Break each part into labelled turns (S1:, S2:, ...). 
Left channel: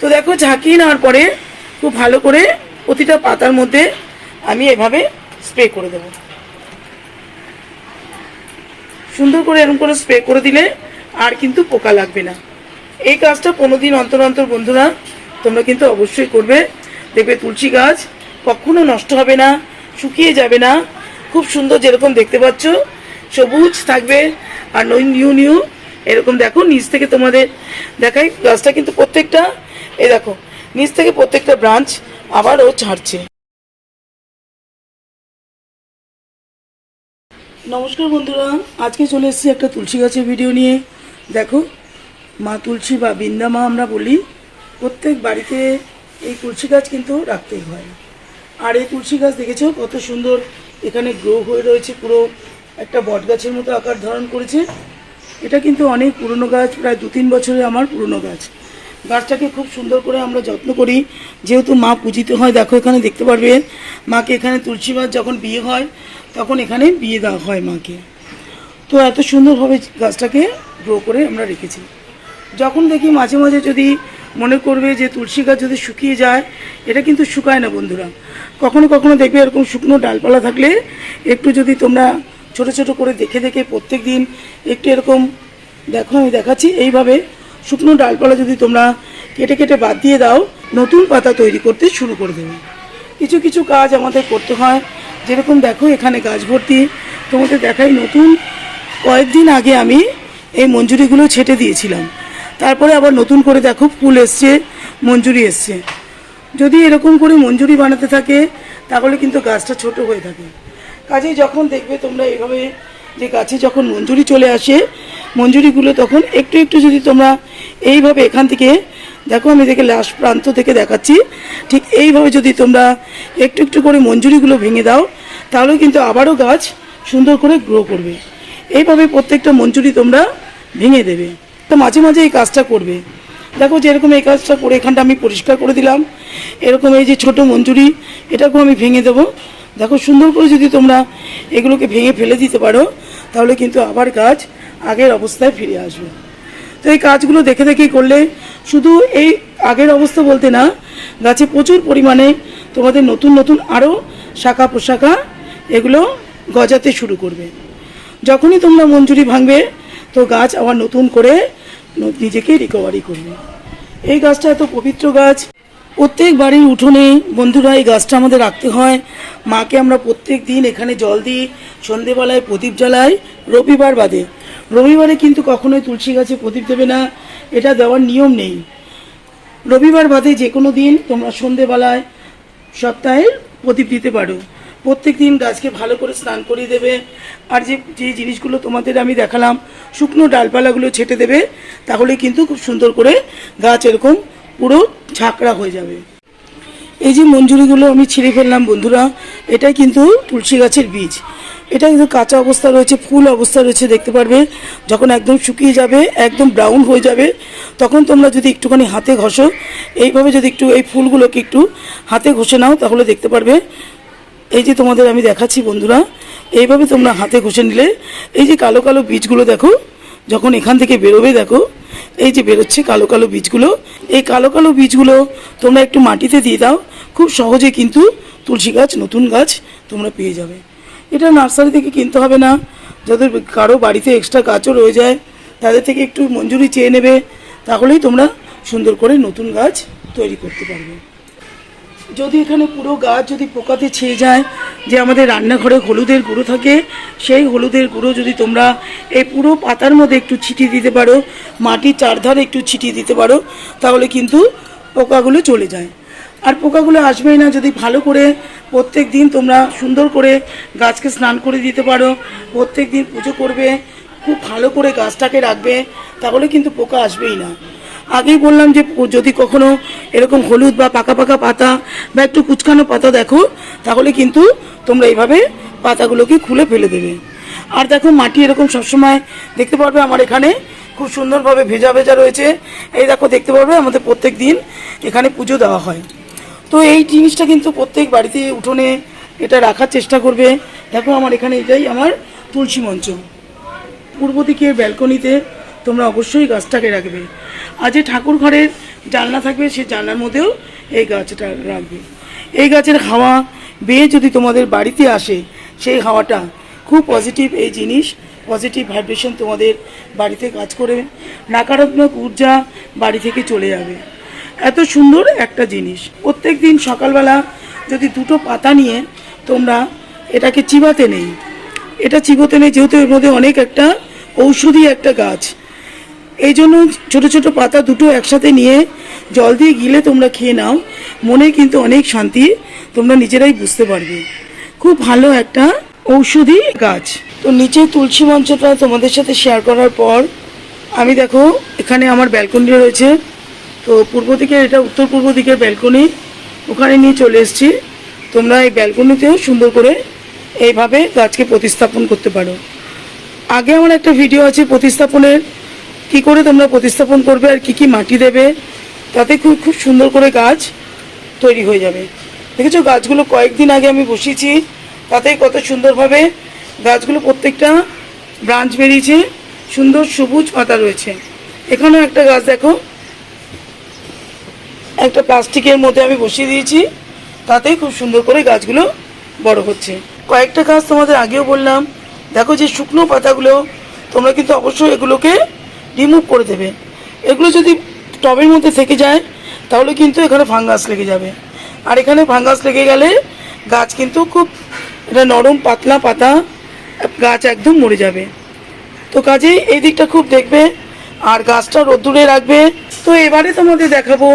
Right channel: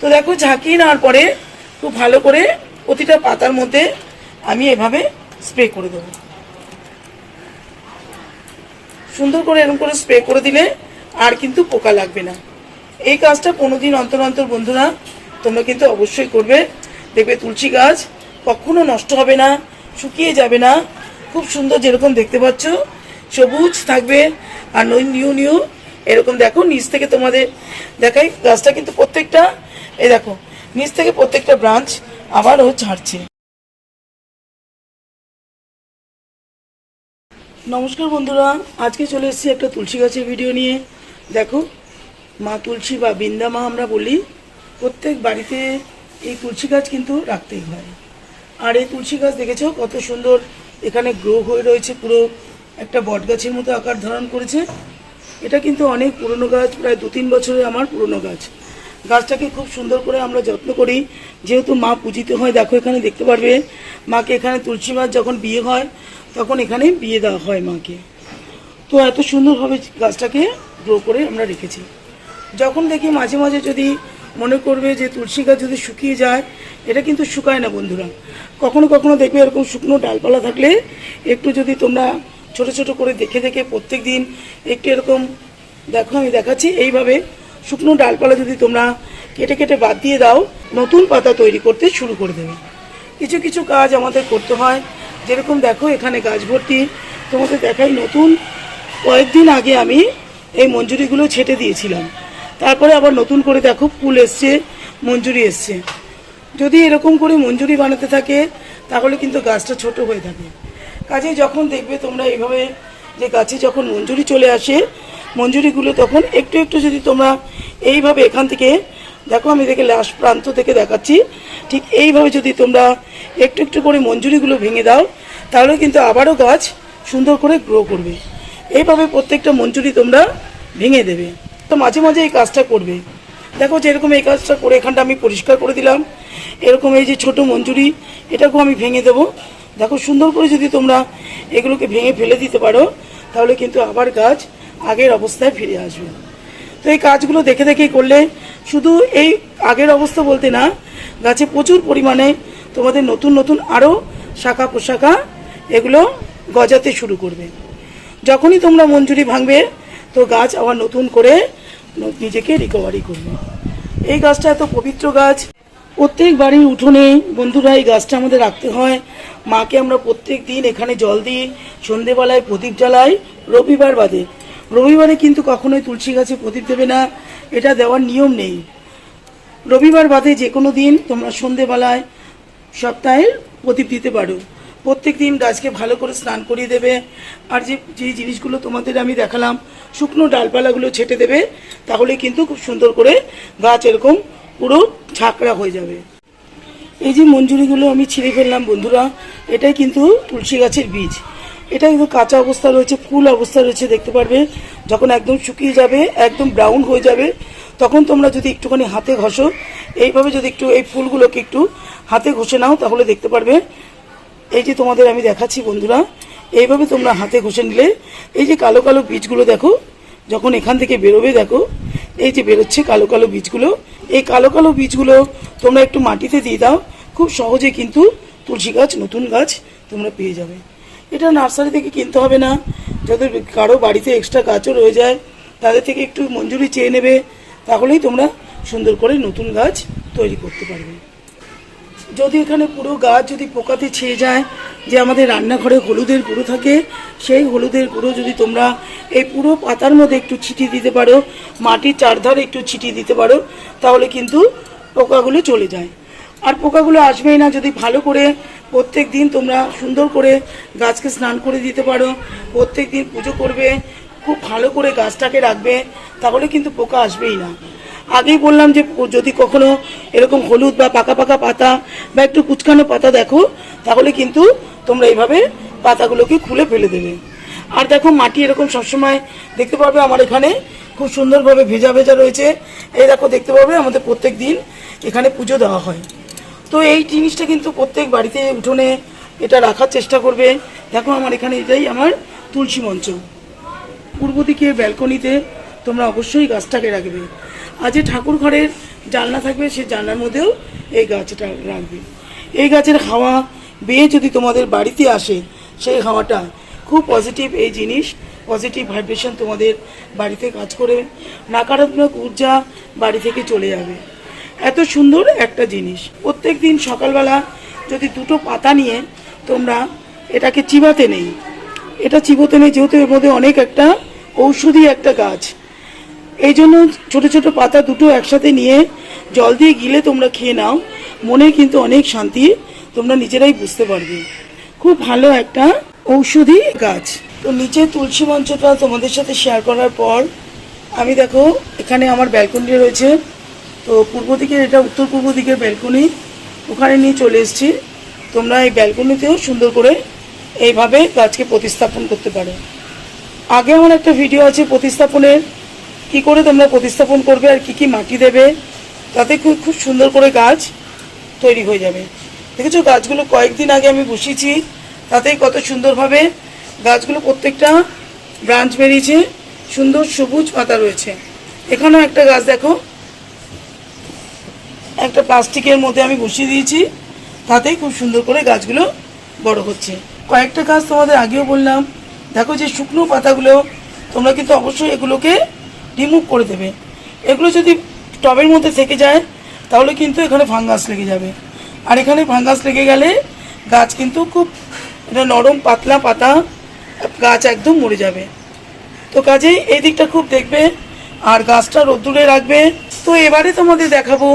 S1: তো দেখো ঝাঁকিয়ে নেওয়ার পরে খুব ভালো করে প্রতিটা পাতার মধ্যে আমি এভাবে স্প্রে করে দেবো। সুন্দর করে এরকম করে স্প্রে করে দিলে আর কিন্তু পোকা লাগবে না। এই কাজটা পনেরো দিন অন্তর অন্তর বন্ধুরা তোমরা কিন্তু অবশ্যই করবে। দেখবে তুলসী গাছ কখনো নষ্ট হবে না, শুকিয়ে যাবে না। খুব সুন্দর যেরকম দেখতে পাচ্ছ, সবুজ থাকবে আর নিউ নিউ এরকম দেখো, নিচ থেকে তোমাদের দেখাই। গাছটা কিন্তু প্রত্যেকটা এই দেখো, নিচ থেকে প্রত্যেকটা ব্রাঞ্চ আবারও ছাড়ছে নমস্কার বন্ধুরা, আজকে চলে এসেছি একটা তুলসী গাছের ভিডিও নিয়ে। দেখো, মা তুলসী বা বৃন্দা মা আমরা বলি, প্রত্যেক বাড়িতে এই তুলসী গাছ কিন্তু রাখতেই হয়। আর এই তুলসী গাছ দেখেছ কত সুন্দর, এখানে গ্রো হয়ে রয়েছে পুরো, একটা বট গাছের মতো আকার ধারণ করেছে। এটা কিন্তু অনেক পুরনো গাছ, প্রায় দু তিন বছরের আমার পুরনো গাছ। গাছটাকে খুব সুন্দর করে আমরা যত্ন করি। যেহেতু মা পূজিত হয়, দেখো এখানে দেখতে পারবে, মাকে এখানে তুলসী গাছ যখন বিয়ে হয়, তখন এখানে বিয়ে দেওয়া হয় মাকে। তো এত সুন্দরভাবে গাছটাকে গ্রো করে আমরা রেখেছি। যখন দেখি মাঝে মাঝে যদি মনে করবে যে তুলসী গাছ যদি শুকিয়ে যায়, এটা কিন্তু শুকায় না বন্ধুরা। কখনো কখনো দেখবে এরকম শুকনো ডালপালা থাকলে একটু যদি তোমরা ছোট ছোট করে দেখে দেখে প্রত্যেক দিন একটু এরকম দেখো, আমি দেখাচ্ছি। এইভাবে শুকনো ডালপালা যদি তোমরা কেটে কেটে বাদ দিয়ে দাও, নতুন পাতা তৈরি করতে শুরু করে দেবে। কিছু কিছু কাজ আমাদের করতে হয়। যেরকম দেখো, এখানে গাছ ভর্তি। তোমাদের দেখাই নতুন। কয়েকদিন আগে আমি এই মঞ্জুরিগুলো ছেটে দিয়েছিলাম। তারপরে আবার নতুন করে দেখো, ফুল এসছে, মঞ্জুরি এসছে। যদি এরকম করে মঞ্জুরি বানাতে থাকে, তাহলে কিন্তু গাছটা ছোট হয়ে থাকে। কাজে যখন দেখবে তোমরা এইভাবে যে গাছে যখন মঞ্জুরি চলে আসে মঞ্জুরিগুলো তখন একটু একটু যদি তোমরা এইভাবে এখান থেকে, দেখো আমি দেখে লাস্ট প্রান্ত থেকে দেখাচ্ছি, ঠিক এইভাবে যদি তোমরা একটু একটু করে মঞ্জুরিগুলো ভেঙে দাও, তাহলে কিন্তু আবারও গাছ সুন্দর করে গ্রো করবে। এইভাবে প্রত্যেকটা মঞ্জুরি তোমরা ভেঙে দেবে। তো মাঝে মাঝে এই কাজটা করবে। দেখো যেরকম এই কাজটা করে এখানটা আমি পরিষ্কার করে দিলাম। এরকম এই যে ছোট মঞ্জুরি, এটাকেও আমি ভেঙে দেবো। দেখো সুন্দর করে যদি তোমরা এগুলোকে ভেঙে ফেলে দিতে পারো, তাহলে কিন্তু আবার গাছ আগের অবস্থায় ফিরে আসবে। তো এই কাজগুলো দেখে দেখে করলে শুধু এই আগের অবস্থা বলতে না, গাছে প্রচুর পরিমাণে তোমাদের নতুন নতুন আরও শাখা পোশাখা এগুলো গজাতে শুরু করবে। যখনই তোমরা মঞ্জুরি ভাঙবে, তো গাছ আবার নতুন করে নিজেকে রিকভারি করবে। এই গাছটা এত পবিত্র গাছ। প্রত্যেক বাড়ির উঠোনে বন্ধুরা এই গাছটা আমাদের রাখতে হয়। মাকে আমরা প্রত্যেক দিন এখানে জল দিই, সন্ধেবেলায় প্রদীপ জ্বালাই, রবিবার বাদে রবিবারে কিন্তু কখনোই তুলসী গাছে প্রদীপ দেবে না, এটা দেওয়ার নিয়ম নেই। রবিবার বাদে যে কোনো দিন তোমরা সন্ধেবেলায় সপ্তাহে প্রদীপ দিতে পারো। প্রত্যেক দিন গাছকে ভালো করে স্নান করিয়ে দেবে, আর যে যে জিনিসগুলো তোমাদের আমি দেখালাম, শুকনো ডালপালাগুলো ছেটে দেবে, তাহলে কিন্তু খুব সুন্দর করে গাছ এরকম পুরো ঝাঁকড়া হয়ে যাবে। এই যে মঞ্জুরিগুলো আমি ছিঁড়ে ফেললাম বন্ধুরা, এটাই কিন্তু তুলসী গাছের বীজ। এটা কিন্তু কাঁচা অবস্থা রয়েছে, ফুল অবস্থা রয়েছে, দেখতে পারবে। যখন একদম শুকিয়ে যাবে, একদম ব্রাউন হয়ে যাবে, তখন তোমরা যদি একটুখানি হাতে ঘষো, এইভাবে যদি একটু এই ফুলগুলোকে একটু হাতে ঘষে নাও, তাহলে দেখতে পারবে। এই যে তোমাদের আমি দেখাচ্ছি বন্ধুরা, এইভাবে তোমরা হাতে ঘষে নিলে, এই যে কালো কালো বীজগুলো দেখো, যখন এখান থেকে বেরোবে দেখো, এই যে বেরোচ্ছে কালো কালো বীজগুলো, এই কালো কালো বীজগুলো তোমরা একটু মাটিতে দিয়ে দাও, খুব সহজে কিন্তু তুলসী গাছ, নতুন গাছ তোমরা পেয়ে যাবে। এটা নার্সারি থেকে কিনতে হবে না। যাদের কারও বাড়িতে এক্সট্রা গাছও রয়ে যায়, তাদের থেকে একটু মঞ্জুরি চেয়ে নেবে, তাহলেই তোমরা সুন্দর করে নতুন গাছ তৈরি করতে পারবে। যদি এখানে পুরো গাছ যদি পোকাতে ছেয়ে যায়, যে আমাদের রান্নাঘরে হলুদের গুঁড়ো থাকে, সেই হলুদের গুঁড়ো যদি তোমরা এই পুরো পাতার মধ্যে একটু ছিটিয়ে দিতে পারো, মাটির চারধারে একটু ছিটিয়ে দিতে পারো, তাহলে কিন্তু পোকাগুলো চলে যায়। আর পোকাগুলো আসবেই না যদি ভালো করে প্রত্যেক দিন তোমরা সুন্দর করে গাছকে স্নান করে দিতে পারো। প্রত্যেক দিন পুজো করবে, খুব ভালো করে গাছটাকে রাখবে, তাহলে কিন্তু পোকা আসবেই না। আগেই বললাম যে যদি কখনো এরকম হলুদ বা পাকা পাকা পাতা বা একটু কুচকানো পাতা দেখো, তাহলে কিন্তু তোমরা এইভাবে পাতাগুলোকে খুলে ফেলে দেবে। আর দেখো মাটি এরকম সবসময় দেখতে পারবে আমার এখানে, খুব সুন্দরভাবে ভেজা ভেজা রয়েছে। এই দেখো দেখতে পারবে আমাদের প্রত্যেক দিন এখানে পুজো দেওয়া হয়। তো এই জিনিসটা কিন্তু প্রত্যেক বাড়িতে উঠোনে এটা রাখার চেষ্টা করবে। দেখো আমার এখানে এটাই আমার তুলসী মঞ্চ। পূর্ব দিকে ব্যালকনিতে তোমরা অবশ্যই গাছটাকে রাখবে। আর যে ঠাকুর ঘরের জানলা থাকবে সেই জানলার মধ্যেও এই গাছটা রাখবে। এই গাছের হাওয়া বেয়ে যদি তোমাদের বাড়িতে আসে, সেই হাওয়াটা খুব পজিটিভ এই জিনিস পজিটিভ ভাইব্রেশন তোমাদের বাড়িতে কাজ করে। নাকারাত্মক ঊর্জা বাড়ি থেকে চলে যাবে। এত সুন্দর একটা জিনিস। প্রত্যেক দিন সকালবেলা যদি দুটো পাতা নিয়ে তোমরা এটাকে চিবাতে নেই। এটা চিবোতে নেই যেহেতু এর মধ্যে অনেক একটা ঔষধি একটা গাছ। এই জন্য ছোটো ছোটো পাতা দুটো একসাথে নিয়ে জল দিয়ে গিলে তোমরা খেয়ে নাও। মনে কিন্তু অনেক শান্তি তোমরা নিজেরাই বুঝতে পারবে। খুব ভালো একটা ঔষধি গাছ। তো নিচে তুলসী মঞ্চটা তোমাদের সাথে শেয়ার করার পর আমি দেখো এখানে আমার ব্যালকনি রয়েছে। তো পূর্ব দিকে এটা উত্তর পূর্ব দিকের ব্যালকনি ওখানে নিয়ে চলে এসেছি। তোমরা এই ব্যালকনিতেও সুন্দর করে এইভাবে গাছকে প্রতিস্থাপন করতে পারো। আগে আমার একটা ভিডিও আছে প্রতিস্থাপনের। কি করে তোমরা প্রতিস্থাপন করবে আর কি কি মাটি দেবে, তাতে খুব খুব সুন্দর করে গাছ তৈরি হয়ে যাবে। দেখেছ, গাছগুলো কয়েকদিন আগে আমি বসিয়েছি, তাতে কত সুন্দরভাবে গাছগুলো প্রত্যেকটা ব্রাঞ্চ বেরিয়েছে। সুন্দর সবুজ পাতা রয়েছে। এখানেও একটা গাছ দেখো একটা প্লাস্টিকের মধ্যে আমি বসিয়ে দিয়েছি, তাতেই খুব সুন্দর করে গাছগুলো বড় হচ্ছে। কয়েকটা গাছ তোমাদের আগেও বললাম। দেখো যে শুকনো পাতাগুলো, তোমরা কিন্তু অবশ্যই এগুলোকে রিমুভ করে দেবে। এগুলো যদি টবের মধ্যে থেকে যায়, তাহলে কিন্তু এখানে ফাঙ্গাস লেগে যাবে। আর এখানে ফাঙ্গাস লেগে গেলে গাছ কিন্তু খুব এটা নরম, পাতলা পাতা, গাছ একদম মরে যাবে। তো কাজেই এই দিকটা খুব দেখবে, আর গাছটা রোদ্দুরে রাখবে। তো এবারে তোমাদের দেখাবো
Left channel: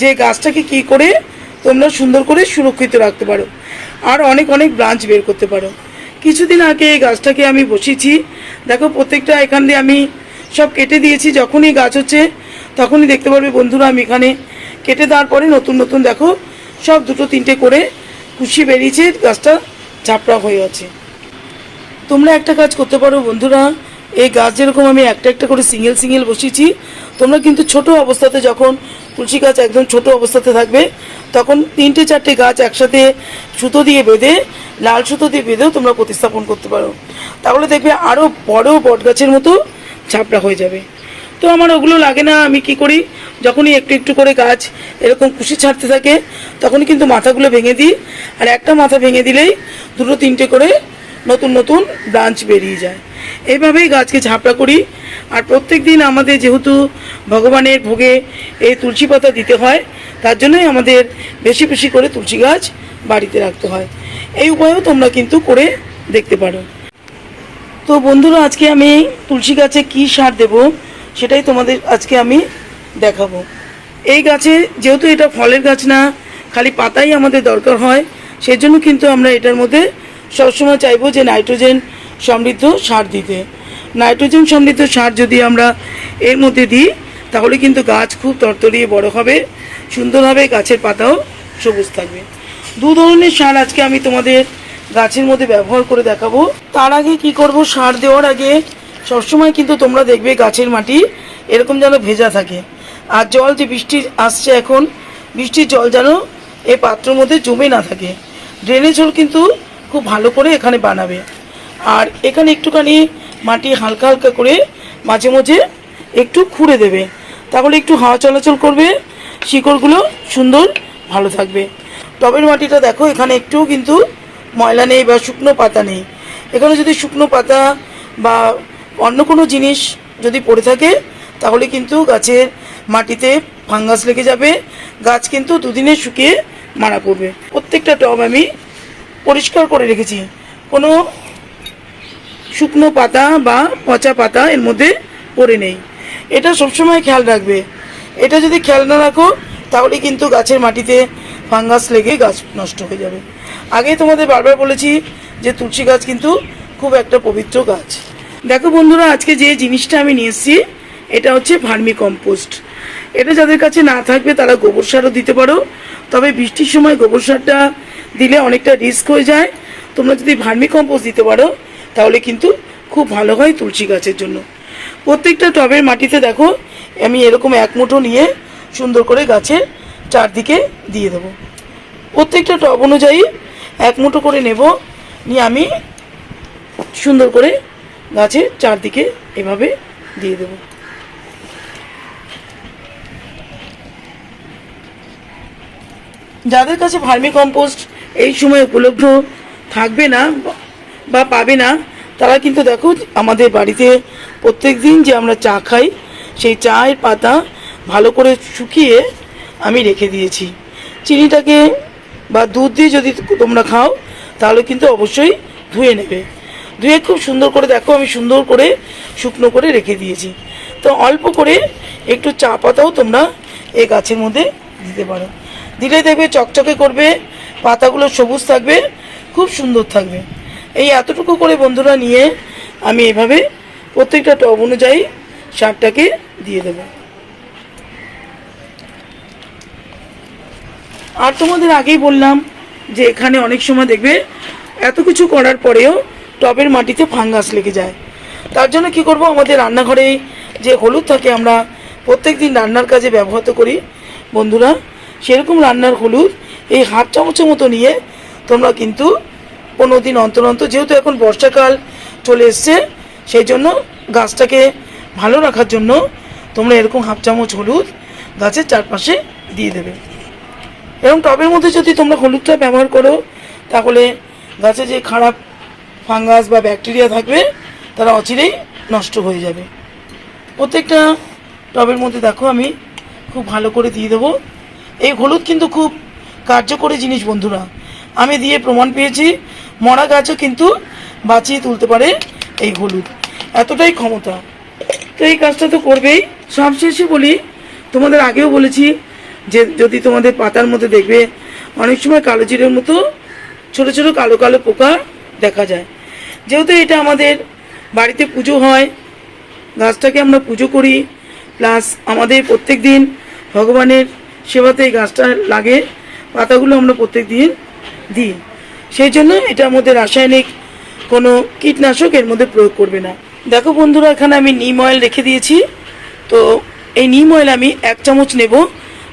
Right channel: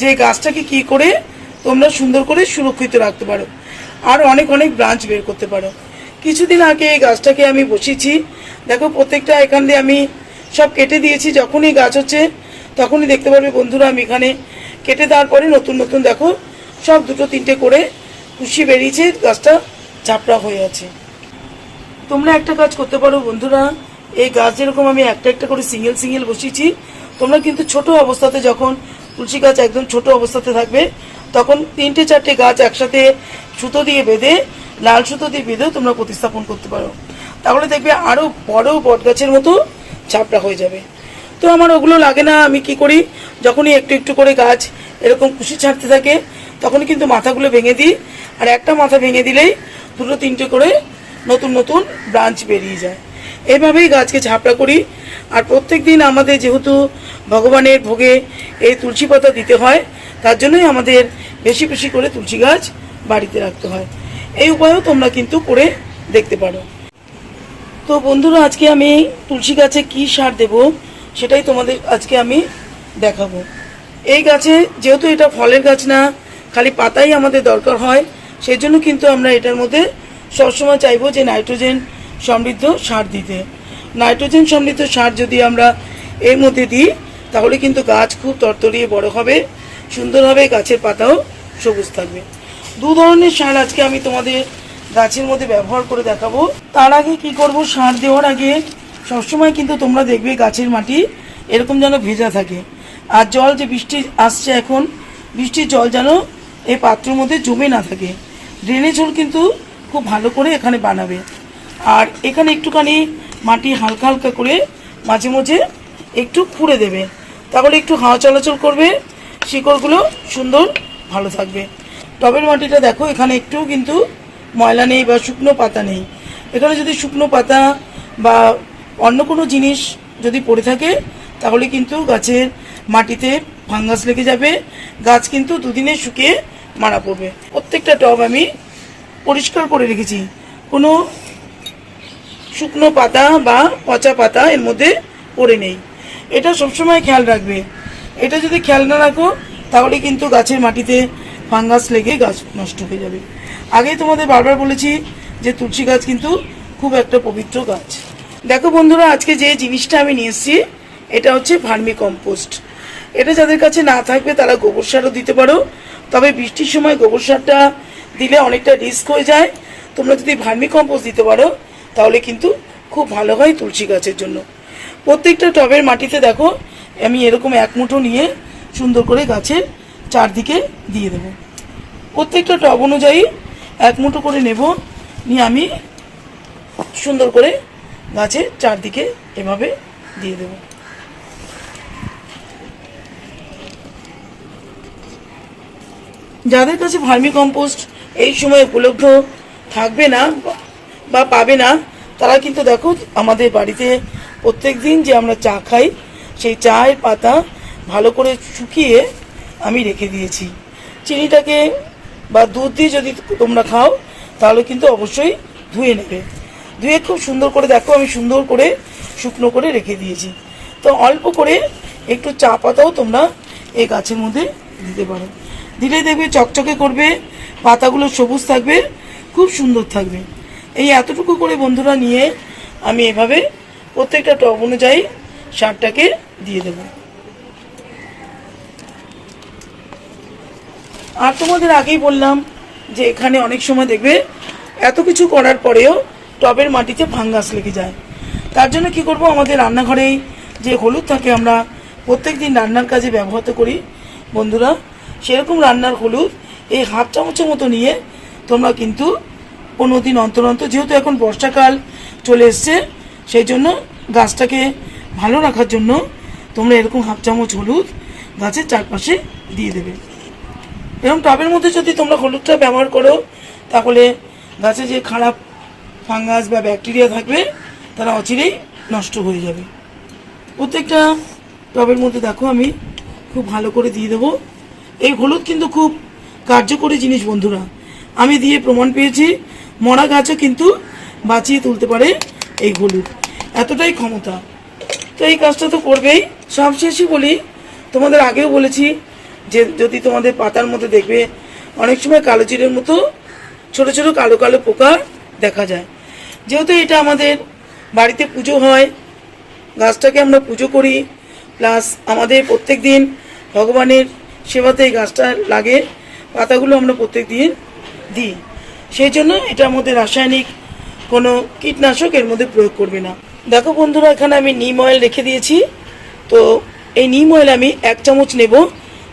S1: যে গাছটাকে কি করে তোমরা সুন্দর করে সুরক্ষিত রাখতে পারো। আর অনেক অনেক ব্রাঞ্চ বের করতে পারো। কিছুদিন আগে এই গাছটাকে আমি বসিয়েছি। দেখো, প্রত্যেকটা এখান দিয়ে আমি সব কেটে দিয়েছি। যখনই গাছ হচ্ছে, তখনই দেখতে পারবে বন্ধুরা আমি এখানে কেটে দেওয়ার পরে নতুন নতুন দেখো, সব দুটো, তিনটে করে খুশি বেরিয়েছে, গাছটা ঝাপড়া হয়ে আছে। তোমরা একটা কাজ করতে পারো বন্ধুরা, এই গাছ যেরকম আমি একটা একটা করে সিঙ্গেল সিঙ্গেল বসিয়েছি, তোমরা কিন্তু ছোট অবস্থাতে যখন তুলসী গাছ একদম ছোট অবস্থাতে থাকবে। তখন তিনটে চারটে গাছ একসাথে সুতো দিয়ে বেঁধে, লাল সুতো দিয়ে বেঁধেও তোমরা প্রতিস্থাপন করতে পারো। তাহলে দেখবে আরও বড় বট গাছের মতো ঝাপড়া হয়ে যাবে। তো আমার ওগুলো লাগে না, আমি কি করি? যখনই একটু একটু করে গাছ এরকম খুশি ছাড়তে থাকে, তখনই কিন্তু মাথাগুলো ভেঙে দিই। আর একটা মাথা ভেঙে দিলেই দুটো তিনটে করে নতুন নতুন ব্রাঞ্চ বেরিয়ে যায়। এইভাবেই গাছকে ঝাপড়া করি। আর প্রত্যেক দিন আমাদের যেহেতু ভগবানের ভোগে এই তুলসী পাতা দিতে হয়, তার জন্যই আমাদের বেশি বেশি করে তুলসী গাছ বাড়িতে রাখতে হয়। এই উপায়ও তোমরা কিন্তু করে দেখতে পারো। তো বন্ধুরা, আজকে আমি তুলসী গাছে কি সার দেব সেটাই তোমাদের আজকে আমি দেখাবো। এই গাছে যেহেতু এটা ফলের গাছ না, খালি পাতাই আমাদের দরকার হয়, সেই জন্য কিন্তু আমরা এটার মধ্যে সবসময় চাইব যে নাইট্রোজেন সমৃদ্ধ সার দিতে। নাইট্রোজেন সমৃদ্ধ সার যদি আমরা এর মধ্যে দিই, তাহলে কিন্তু গাছ খুব তরতরিয়ে বড় হবে, সুন্দর হবে, গাছের পাতাও সবুজ থাকবে। দু ধরনের সার আজকে আমি তোমাদের গাছের মধ্যে ব্যবহার করে দেখাবো। তার আগে কি করব, সার দেওয়ার আগে সবসময় কিন্তু তোমরা দেখবে গাছের মাটি এরকম যেন ভেজা থাকে। আর জল যে বৃষ্টি আসছে এখন, বৃষ্টির জল যেন এই পাত্রের মধ্যে জমে না থাকে। ড্রেনেজ হোল কিন্তু খুব ভালো করে এখানে বানাবে। আর এখানে একটুখানি মাটি হালকা হালকা করে মাঝে মাঝে একটু খুঁড়ে দেবে। তাহলে একটু হাওয়া চলাচল করবে, শিকড়গুলো সুন্দর ভালো থাকবে। টবের মাটিটা দেখো, এখানে একটু কিন্তু ময়লা নেই বা শুকনো পাতা নেই। এখানে যদি শুকনো পাতা বা অন্য কোনো জিনিস যদি পড়ে থাকে, তাহলে কিন্তু গাছের মাটিতে ফাঙ্গাস লেগে যাবে। গাছ কিন্তু দুদিনে শুকিয়ে মারা পড়বে। প্রত্যেকটা টব আমি পরিষ্কার করে রেখেছি। কোনো শুকনো পাতা বা পচা পাতা এর মধ্যে পড়ে নেই। এটা সবসময় খেয়াল রাখবে। এটা যদি খেয়াল না রাখো, তাহলে কিন্তু গাছের মাটিতে ফাঙ্গাস লেগে গাছ নষ্ট হয়ে যাবে। আগেই তোমাদের বারবার বলেছি যে তুলসী গাছ কিন্তু খুব একটা পবিত্র গাছ। দেখো বন্ধুরা, আজকে যে জিনিসটা আমি নিয়ে এসেছি, এটা হচ্ছে ভার্মি কম্পোস্ট এটা যাদের কাছে না থাকবে, তারা গোবর সারও দিতে পারো। তবে বৃষ্টির সময় গোবর সারটা দিলে অনেকটা রিস্ক হয়ে যায়। তোমরা যদি ভার্মি কম্পোস্ট দিতে পারো তাহলে কিন্তু খুব ভালো হয় তুলসী গাছের জন্য। প্রত্যেকটা টবের মাটিতে দেখো, আমি এরকম এক মুঠো নিয়ে সুন্দর করে গাছের চারদিকে দিয়ে দেব। প্রত্যেকটা টব অনুযায়ী এক মুঠো করে নেব, নিয়ে আমি সুন্দর করে গাছের চারদিকে এভাবে দিয়ে দেব। যাদের কাছে ভার্মি কম্পোস্ট এই সময় উপলব্ধ থাকবে না বা পাবে না, তারা কিন্তু দেখো আমাদের বাড়িতে প্রত্যেক দিন যে আমরা চা খাই, সেই চায়ের পাতা ভালো করে শুকিয়ে আমি রেখে দিয়েছি। চিনিটাকে বা দুধ দিয়ে যদি তোমরা খাও, তাহলে কিন্তু অবশ্যই ধুয়ে নেবে। ধুয়ে খুব সুন্দর করে দেখো, আমি সুন্দর করে শুকনো করে রেখে দিয়েছি। তো অল্প করে একটু চা পাতাও তোমরা এই গাছের মধ্যে দিতে পারো। দিলে দেখবে চকচকে করবে, পাতাগুলো সবুজ থাকবে, খুব সুন্দর থাকবে। এই এতটুকু করে বন্ধুরা নিয়ে আমি এভাবে প্রত্যেকটা টব অনুযায়ী সারটাকে দিয়ে দেবো। আর তোমাদের আগেই বললাম যে এখানে অনেক সময় দেখবে এত কিছু করার পরেও টবের মাটিতে ফাঙ্গাস লেগে যায়। তার জন্য কি করব? আমাদের রান্নাঘরে যে হলুদ থাকে আমরা প্রত্যেক দিন রান্নার কাজে ব্যবহার তো করি। বন্ধুরা, সেরকম রান্নার হলুদ এই হাফ চামচের মতো নিয়ে তোমরা কিন্তু পনেরো দিন অন্তর অন্তর, যেহেতু এখন বর্ষাকাল চলে এসছে, সেই জন্য গাছটাকে ভালো রাখার জন্য তোমরা এরকম হাফ চামচ হলুদ গাছের চারপাশে দিয়ে দেবে। এবং টবের মধ্যে যদি তোমরা হলুদটা ব্যবহার করো, তাহলে গাছে যে খারাপ ফাঙ্গাস বা ব্যাকটেরিয়া থাকবে, তারা অচিরেই নষ্ট হয়ে যাবে। প্রত্যেকটা টবের মধ্যে দেখো, আমি খুব ভালো করে দিয়ে দেবো। এই হলুদ কিন্তু খুব কার্যকরী জিনিস বন্ধুরা। আমি দিয়ে প্রমাণ পেয়েছি মরা গাছও কিন্তু বাঁচিয়ে তুলতে পারে এই হলুদ। এতটাই ক্ষমতা। তো এই কাজটা তো করবেই। সবশেষে বলি, তোমাদের আগেও বলেছি যে যদি তোমাদের পাতার মধ্যে দেখবে, অনেক সময় কালো জিরের মতো ছোট ছোট কালো কালো পোকা দেখা যায়। যেহেতু এটা আমাদের বাড়িতে পুজো হয়, গাছটাকে আমরা পুজো করি, প্লাস আমাদের প্রত্যেক দিন ভগবানের সেবাতে এই গাছটা লাগে, পাতাগুলো আমরা প্রত্যেক দিন দিই। সেই জন্য এটার মধ্যে রাসায়নিক কোনো কীটনাশক এর মধ্যে প্রয়োগ করবে না। দেখো বন্ধুরা, এখানে আমি নিম অয়েল রেখে দিয়েছি। তো এই নিম অয়েল আমি এক চামচ নেব,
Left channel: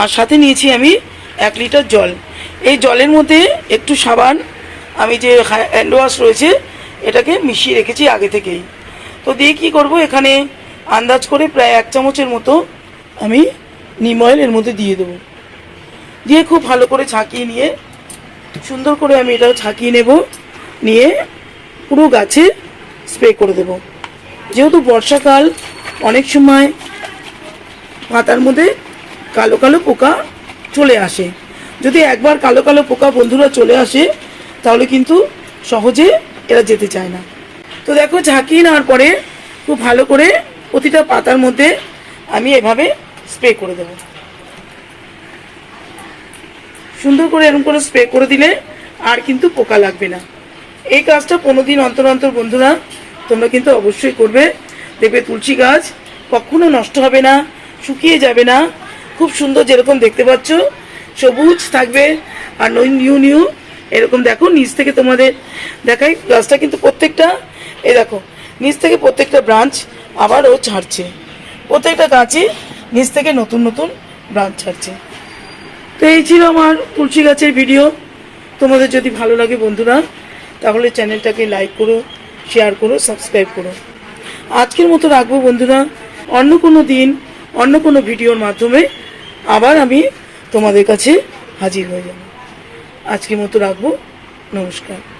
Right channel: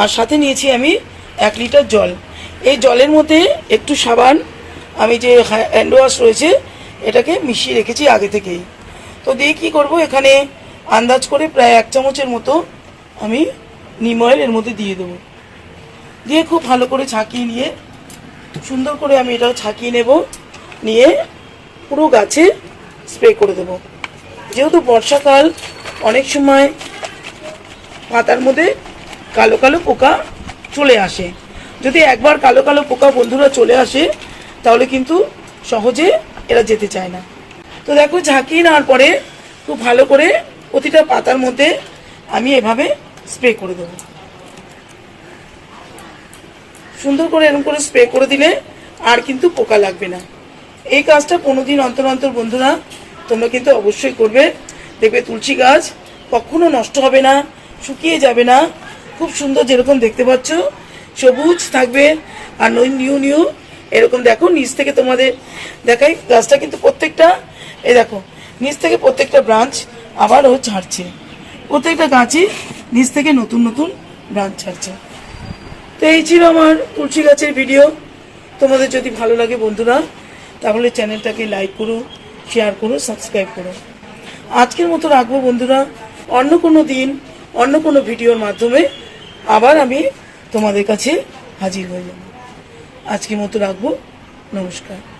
S1: আর সাথে নিয়েছি আমি এক লিটার জল। এই জলের মধ্যে একটু সাবান, আমি যে হ্যান্ড ওয়াশ রয়েছে, এটাকে মিশিয়ে রেখেছি আগে থেকেই। তো দিয়ে কী করব, এখানে আন্দাজ করে প্রায় এক চামচের মতো আমি নিম অয়েল এর মধ্যে দিয়ে দেবো। দিয়ে খুব ভালো করে ছাঁকিয়ে নিয়ে সুন্দর করে আমি এটাও ছাঁকিয়ে নেব, নিয়ে পুরো গাছে স্প্রে করে দেব। যেহেতু বর্ষাকাল, অনেক সময় পাতার মধ্যে কালো কালো পোকা চলে আসে। যদি একবার কালো কালো পোকা বন্ধুরা চলে আসে, তাহলে কিন্তু সহজে এরা যেতে চায় না। তো দেখো ঝাঁকিয়ে নেওয়ার পরে খুব ভালো করে প্রতিটা পাতার মধ্যে আমি এভাবে স্প্রে করে দেবো। সুন্দর করে এরকম করে স্প্রে করে দিলে আর কিন্তু পোকা লাগবে না। এই কাজটা পনেরো দিন অন্তর অন্তর বন্ধুরা, তোমরা কিন্তু অবশ্যই করবে। দেখবে তুলসী গাছ কখনো নষ্ট হবে না, শুকিয়ে যাবে না। খুব সুন্দর যেরকম দেখতে পাচ্ছ, সবুজ থাকবে আর নিউ নিউ। এরকম দেখো, নিচ থেকে তোমাদের দেখাই, গাছটা কিন্তু প্রত্যেকটা, এই দেখো, নিচ থেকে প্রত্যেকটা ব্রাঞ্চ আবারও ছাড়ছে প্রত্যেকটা গাছে নিচ থেকে নতুন নতুন ব্রাঞ্চ ছাড়ছে তো এই ছিল আমার তুলসী গাছের ভিডিও তোমাদের যদি ভালো লাগে বন্ধুরা, তাহলে চ্যানেলটাকে লাইক করো শেয়ার করো সাবস্ক্রাইব করো। আজকের মতো রাখব বন্ধুরা। অন্য কোনো দিন, অন্য কোনো ভিডিওর মাধ্যমে আবার আমি তোমাদের কাছে হাজির হয়ে যাব। আজকের মতো রাখব। নমস্কার।